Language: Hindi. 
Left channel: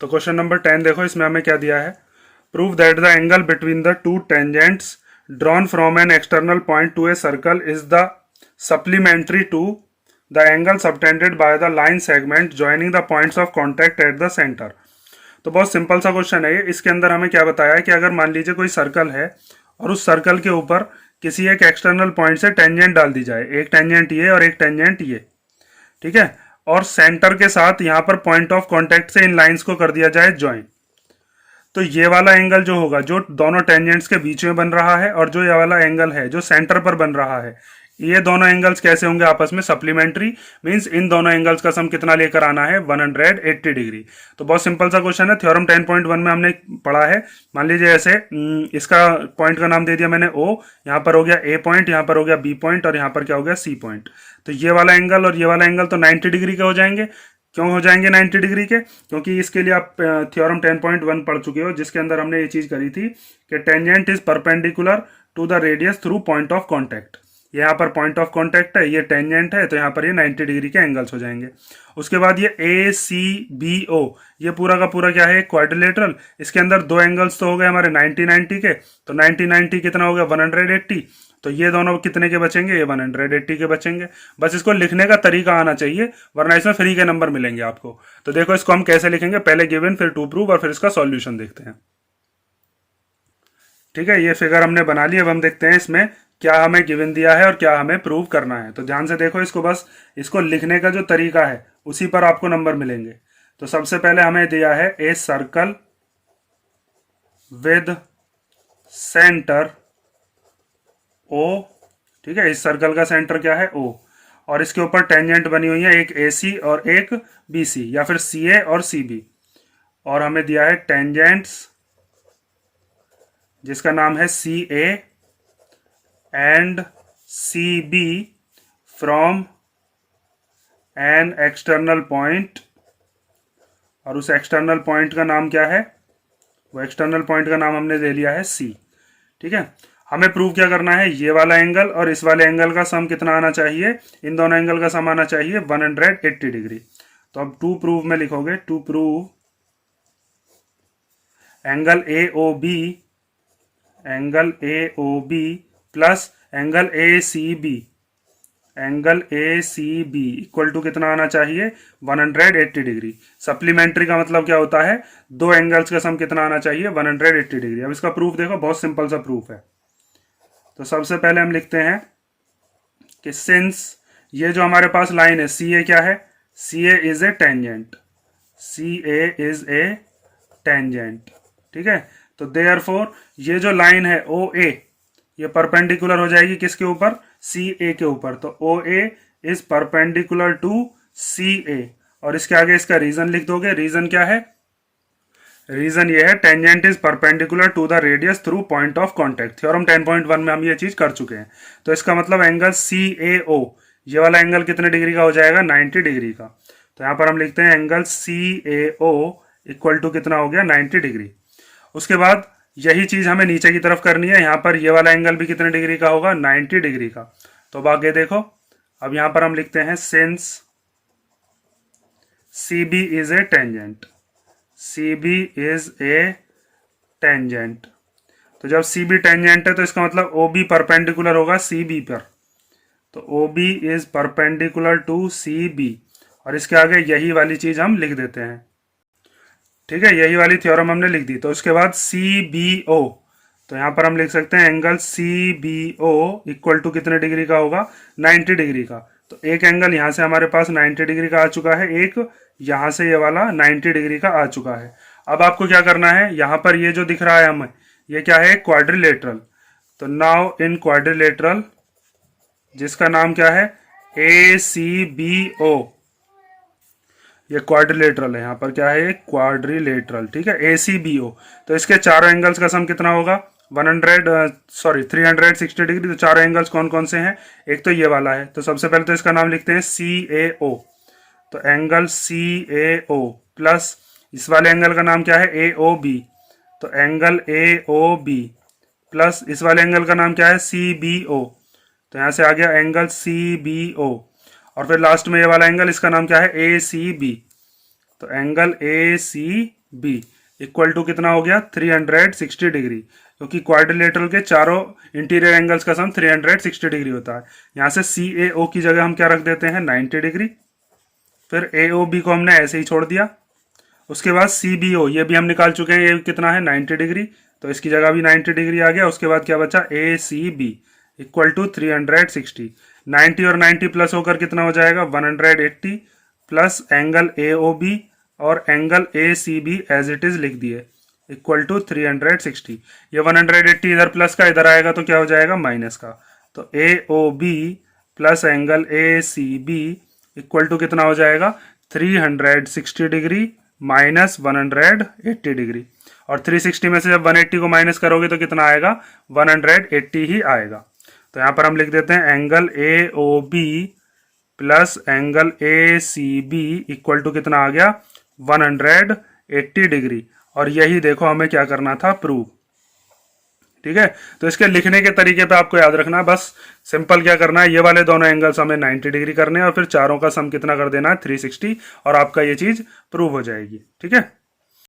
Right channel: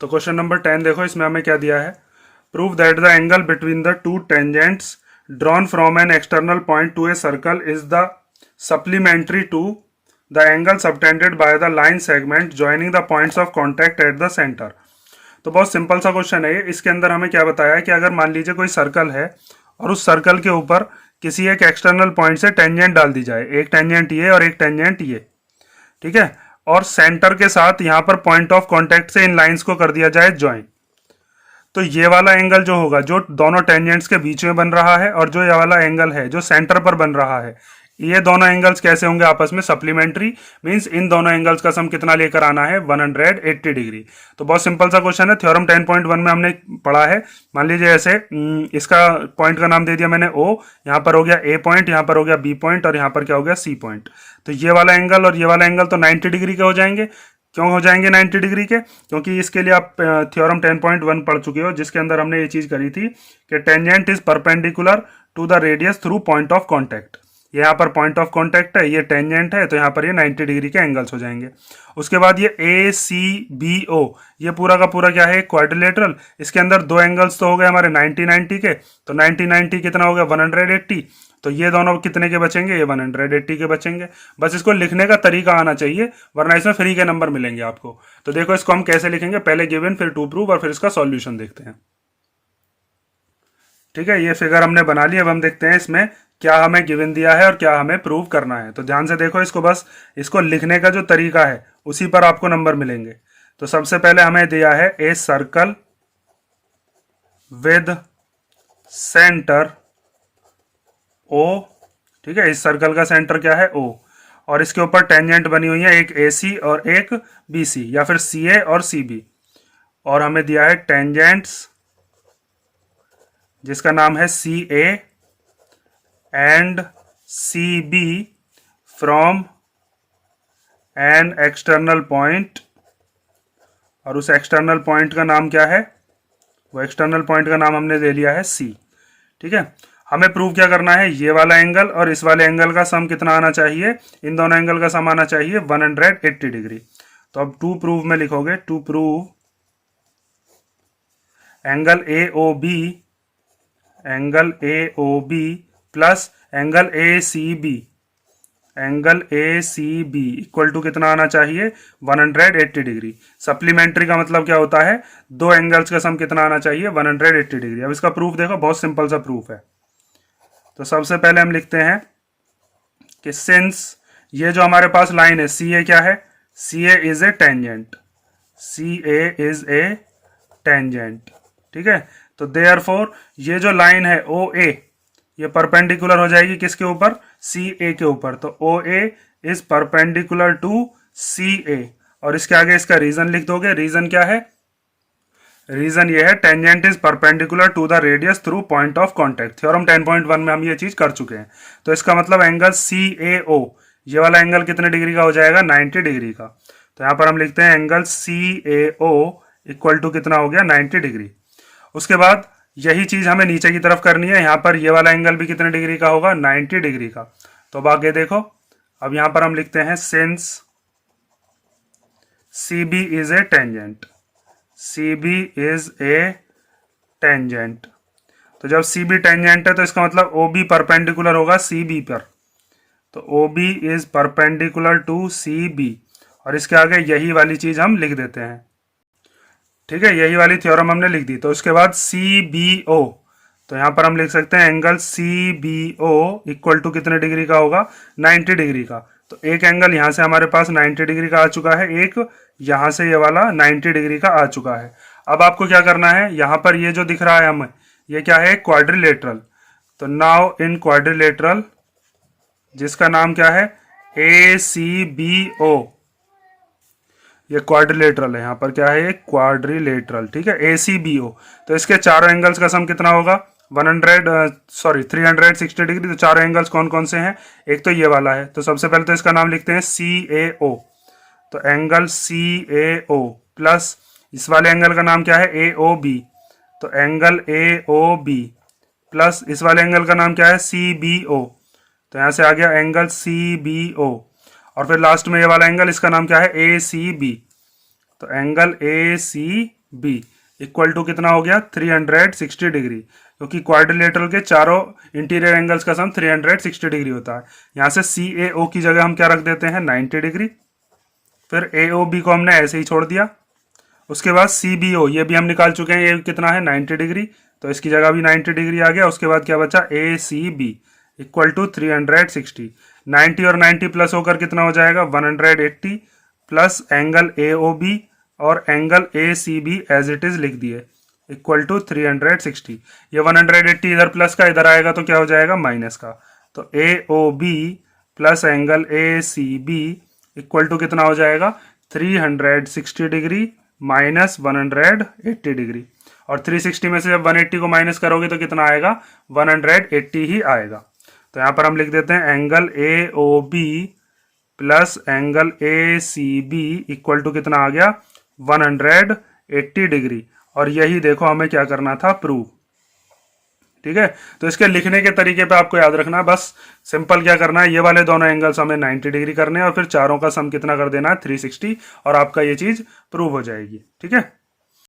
तो क्वेश्चन नंबर 10 देखो, इसमें हमें क्या दिया है। Prove that the angle between the two tangents drawn from an external point to a circle is the supplementary to the angle subtended by the line segment joining the points of contact at the centre. तो बहुत सिंपल सा क्वेश्चन है ये। इसके अंदर हमें क्या बताया है कि अगर मान लीजिए कोई सर्कल है और उस सर्कल के ऊपर किसी एक एक्सटर्नल पॉइंट से टेंजेंट डाल दी जाए, एक टेंजेंट ये और एक टेंजेंट ये, ठीक है, और सेंटर के साथ यहां पर पॉइंट ऑफ कांटेक्ट से इन लाइंस को कर दिया जाए ज्वाइन। तो ये वाला एंगल जो होगा, जो दोनों टेंजेंट्स के बीच में बन रहा है, और जो ये वाला एंगल है जो सेंटर पर बन रहा है, ये दोनों एंगल्स कैसे होंगे आपस में? सप्लीमेंट्री। मींस इन दोनों एंगल्स का सम कितना लेकर आना है? 180 डिग्री। तो बहुत सिंपल सा क्वेश्चन है। थ्योरम 10.1 में हमने पढ़ा है। मान लीजिए ऐसे इसका पॉइंट का नाम दे दिया मैंने O, यहाँ पर हो गया A पॉइंट, यहाँ पर हो गया B पॉइंट, और यहाँ पर क्या हो गया C पॉइंट। तो ये वाला एंगल और ये वाला एंगल तो 90 डिग्री के हो जाएंगे। क्यों हो जाएंगे 90 डिग्री के? क्योंकि इसके लिए आप थ्योरम 10.1 पढ़ चुके हो, जिसके अंदर हमने ये चीज करी थी कि tangent is perpendicular to the radius through point of contact. यहाँ पर पॉइंट ऑफ कॉन्टैक्ट है, ये टेंजेंट है, तो यहाँ पर ये 90 डिग्री के एंगल्स हो जाएंगे। उसके बाद ये ए सी बी ओ, ये पूरा का पूरा क्या है? क्वाड्रिलेटरल। इसके अंदर दो एंगल्स तो हो गए हमारे 90-90 के, तो 90-90 कितना हो गया? 180। तो ये दोनों कितने के बचेंगे? ये 180 के बचेंगे। बस इसको लिखने का तरीका आना चाहिए, वरना इसमें फ्री के नंबर मिलेंगे आपको। तो देखो इसको हम कैसे लिखेंगे, पहले गिवन, फिर टू प्रूव, और फिर इसका सॉल्यूशन देखते हैं। ठीक है, ये फिगर हमने बना ली। अब हम देखते हैं इसमें क्या हमें गिवन दिया है और क्या हमें प्रूव करना है। तो ध्यान से देखो इसको, बस इसको लिखने का जो तरीका है उसी पर आपको नंबर मिलेंगे। तो सबसे पहले हमें दिया है a circle with centre O. ठीक है, इस सर्कल का सेंटर क्या है? ओ। और इसके ऊपर टेंजेंट बनी हुई है, एक ए सी और एक बी सी, या फिर सी ए और सी बी। और हमें दिया है टेंजेंट्स जिसका नाम है C A and C B from an external point. और उस एक्सटर्नल पॉइंट का नाम क्या है? वो एक्सटर्नल पॉइंट का नाम हमने ले लिया है सी। ठीक है, हमें प्रूव क्या करना है? ये वाला एंगल और इस वाले एंगल का सम कितना आना चाहिए? इन दोनों एंगल का सम आना चाहिए 180 डिग्री। तो अब टू प्रूव में लिखोगे, to prove angle A O B, angle A O B plus angle A C B, angle A C B equal to कितना आना चाहिए? 180 डिग्री। सप्लीमेंट्री का मतलब क्या होता है? दो एंगल्स का सम कितना आना चाहिए? 180 डिग्री। अब इसका प्रूफ देखो, बहुत सिंपल सा प्रूफ है। तो सबसे पहले हम लिखते हैं कि सिंस ये जो हमारे पास लाइन है सी ए, क्या है? C A is a tangent, C A is a tangent. ठीक है, तो देयरफॉर ये जो लाइन है ओ ए, ये परपेंडिकुलर हो जाएगी किसके ऊपर? सी ए के ऊपर। तो ओ ए इज परपेंडिकुलर टू सी ए। और इसके आगे इसका रीजन लिख दोगे। रीजन क्या है? रीजन ये है tangent is perpendicular to the radius through point of contact. Theorem 10.1 में हम ये चीज कर चुके हैं। तो इसका मतलब एंगल सी ए ओ, ये वाला एंगल कितने डिग्री का हो जाएगा? 90 डिग्री का। तो यहां पर हम लिखते हैं angle C A O equal to कितना हो गया? 90 डिग्री। उसके बाद यही चीज हमें नीचे की तरफ करनी है। यहां पर ये वाला एंगल भी कितने डिग्री का होगा? 90 डिग्री का। तो अब आगे देखो, अब यहां पर हम लिखते हैं since C B is a tangent, C B is a tangent. तो जब सी बी टेंजेंट है तो इसका मतलब ओ बी परपेंडिकुलर होगा सी बी पर। तो O B is perpendicular to C B. और इसके आगे यही वाली चीज हम लिख देते हैं। ठीक है, यही वाली थ्योरम हमने लिख दी। तो उसके बाद सी बी ओ, तो यहां पर हम लिख सकते हैं angle C B O equal to कितने डिग्री का होगा? 90 डिग्री का। तो एक एंगल यहां से हमारे पास 90 डिग्री का आ चुका है, एक यहां से ये वाला 90 डिग्री का आ चुका है। अब आपको क्या करना है? यहां पर ये जो दिख रहा है हमें, ये क्या है? क्वाड्रिलेटरल। तो नाउ इन क्वाड्रिलेटरल, जिसका नाम क्या है? ए सी बी ओ, ये क्वाड्रिलेटरल है। यहां पर क्या है? ये क्वाड्रिलेटरल। ठीक है, ए सी बी ओ। तो इसके चारों एंगल्स का सम कितना होगा? 360 डिग्री। तो चारों एंगल्स कौन कौन से हैं? एक तो ये वाला है, तो सबसे पहले तो इसका नाम लिखते हैं सी ए ओ। तो angle C A O plus इस वाले एंगल का नाम क्या है? A O B. तो angle A O B plus इस वाले एंगल का नाम क्या है? C B O. तो यहां से आ गया एंगल सी बी ओ। और फिर लास्ट में ये वाला एंगल, इसका नाम क्या है? A C B. तो angle A C B equal to कितना हो गया 360 डिग्री, क्योंकि क्वाड्रिलेटरल के चारों इंटीरियर एंगल्स का सम 360 डिग्री होता है। यहाँ से सी ए ओ की जगह हम क्या रख देते हैं 90 डिग्री, फिर ए ओ बी को हमने ऐसे ही छोड़ दिया। उसके बाद सी बी ओ ये भी हम निकाल चुके हैं, ये कितना है 90 डिग्री, तो इसकी जगह भी 90 डिग्री आ गया। उसके बाद क्या बचा ए सी बी इक्वल टू 360, 90 और 90 प्लस होकर कितना हो जाएगा 180 plus angle A O B और angle A C B as it is लिख दिए इक्वल टू 360। ये 180 इधर प्लस का इधर आएगा तो क्या हो जाएगा माइनस का, तो A O B plus angle A C B equal to कितना हो जाएगा 360 डिग्री माइनस 180 डिग्री। और 360 में से जब 180 को माइनस करोगे तो कितना आएगा 180 ही आएगा। तो यहाँ पर हम लिख देते हैं angle A O B plus angle A C B equal to कितना आ गया 180 डिग्री। और यही देखो हमें क्या करना था प्रूव। ठीक है, तो इसके लिखने के तरीके पे आपको याद रखना है, बस सिंपल क्या करना है, ये वाले दोनों एंगल्स हमें 90 डिग्री करने हैं और फिर चारों का सम कितना कर देना है 360 और आपका ये चीज प्रूव हो जाएगी। ठीक है।